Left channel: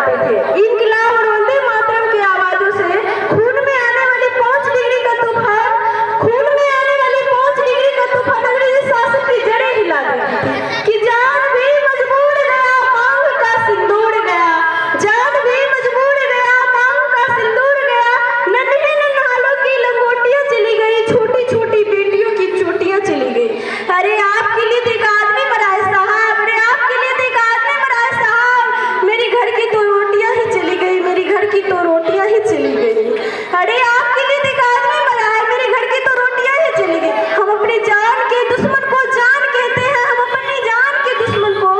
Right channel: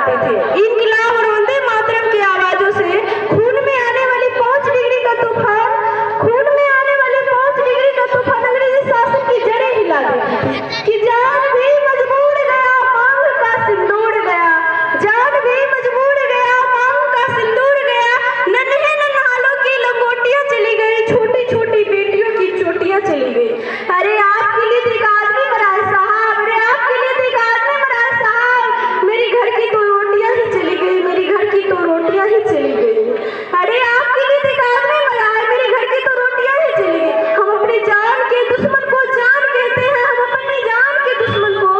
करते थे। इनकलाब और वंदे मातरम की आवाजों से खून में आने वाली 5 डिग्री का तूफान, खून में आने वाले 5 डिग्री का तूफान अंग्रेजी शासन की जड़ें हिला देती थी कि जान भी मजबूर गया मांग का सिंदूर गया, जान भी मजबूर गया मांग का सिंदूर गया, नन्हे नन्हालों की लंगोटियां चली गई, छोटी छोटी बेटियों की चोटियां चली गई। अरे आपके लिए तो एक आदमी मरा है साहब, अरे आपके लिए तो एक आदमी मरा है साहब, मेरी घर की तो रोटियां ही चली गई, मेरी घर की तो रोटियां ही चली गई। अरे आपके लिए तो एक आदमी मरा है, मेरे घर की तो रोटियां ही चली गई। हम अपनी जान के दुश्मन को जान कहते हैं, हम अपनी जान के दुश्मन को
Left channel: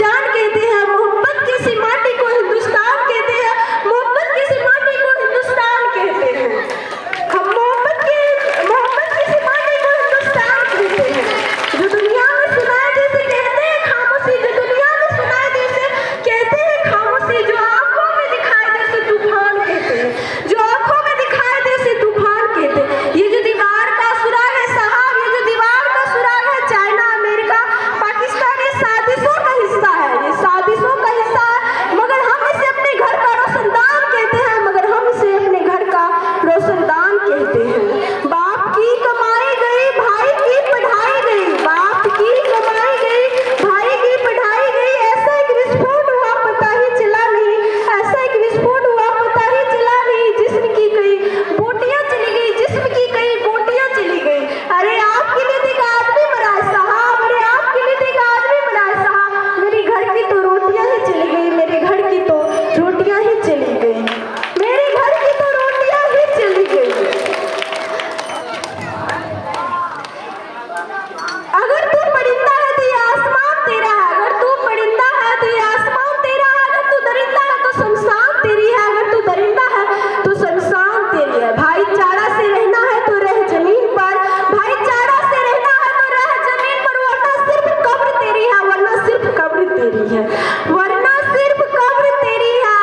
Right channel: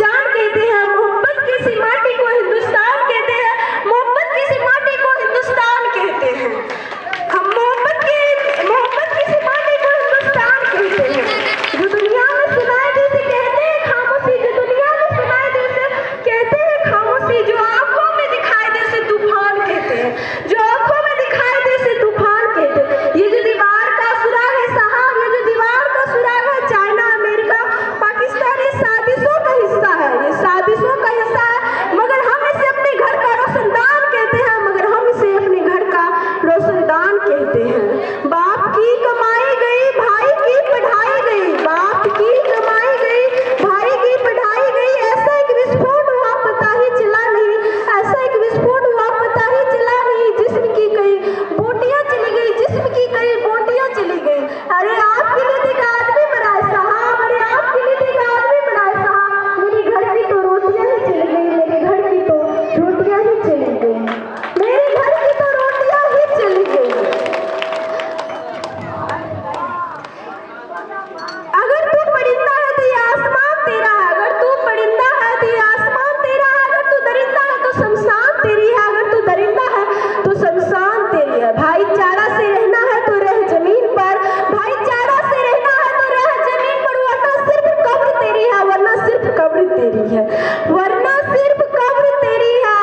जान कहते हैं, मोहब्बत की सी माटी को हिंदुस्तान कहते हैं, मोहब्बत की सी माटी को हिंदुस्तान कहते हैं, हम मोहब्बत की सी माटी को हिंदुस्तान कहते हैं। जो दुनिया में सुनाए जैसे कहते हैं खामोशी, जो दुनिया में सुनाए जैसे कहते हैं खामोशी, जो आंखों में दिखाई जैसे तूफान कहते हैं, जो आंखों में दिखाई जैसे तूफान कहते हैं। ये जो दीवार का सुराग है साहब, ये जो दीवार का सुराग है, चाइना अमेरिका पाकिस्तान ये साजिशों का हिस्सा है, ये साजिशों का हिस्सा है, मगर हम इसे अपने घर का रोशनदान कहते हैं, मगर हम इसे अपने घर का रोशनदान कहते हैं। बाप की कमाई गई भाई की पढ़ाई गई, बाप की कमाई गई भाई की पढ़ाई गई, ऐसा एक विस्फोट हुआ पता ही चला नहीं, ऐसा एक विस्फोट हुआ पता ही चला नहीं, जिस्म की कई बोटियां चली गई, जिस्म की कई बोटियां चली गई। अरे आपके लिए तो एक आदमी मरा है साहब, अरे आपके लिए तो एक आदमी मरा है साहब, मेरे घर की तो रोटियां ही चली गई, मेरे घर की तो रोटियां ही चली गई, मेरे घर की तो रोटियां ही चली गई। अगर तू परिंदा है तो ये आसमान तेरा है, अगर तू परिंदा है तो ये आसमान तेरा है, अगर तू दरिंदा है तो शमशान तेरी है, अगर तू दरिंदा है तो शमशान तेरी है। भाईचारा से रहना है तो रह जमीन पर, भाईचारा से रहना है तो रह जमीन पर, वरना सिर्फ कब्र तेरी है, वरना सिर्फ कब्र तेरी है, वरना सिर्फ कब्र तेरी है।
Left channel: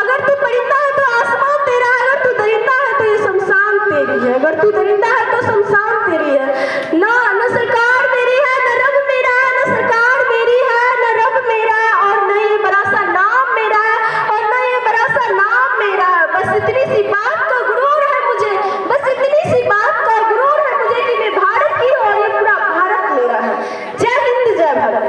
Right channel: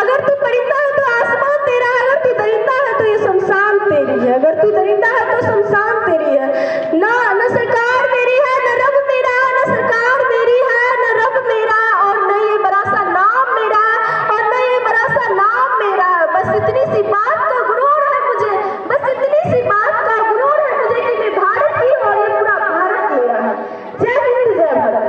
अगर तू परिंदा है तो आसमान तेरा है, अगर तू दरिंदा है तो ये शमशान तेरी है, अगर तू दरिंदा है तो शमशान तेरी है। ना न सरकार मेरी है, न रब मेरा है, न सरकार मेरी है, न रब मेरा है, और न ये बड़ा सा नाम मेरा है, और न ये बड़ा सा नाम मेरा है। बस इतनी सी बात का गुरूर है मुझे, बस इतनी सी बात का गुरूर है मुझे कि मैं भारत की हूँ और ये पूरा भारत मेरा है। जय हिंद जय भारत।